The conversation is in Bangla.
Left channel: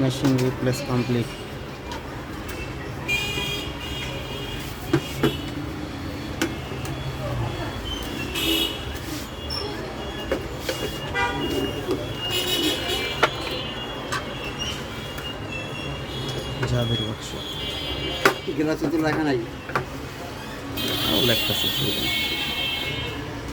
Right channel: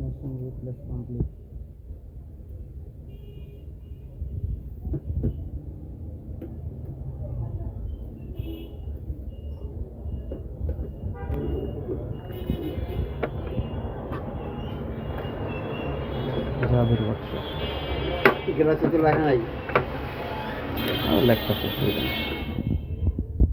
Machine replace complete. Jaber workshop গ্লাসে তো লেখা নাই। লেখতেছে সুবিধা নেই।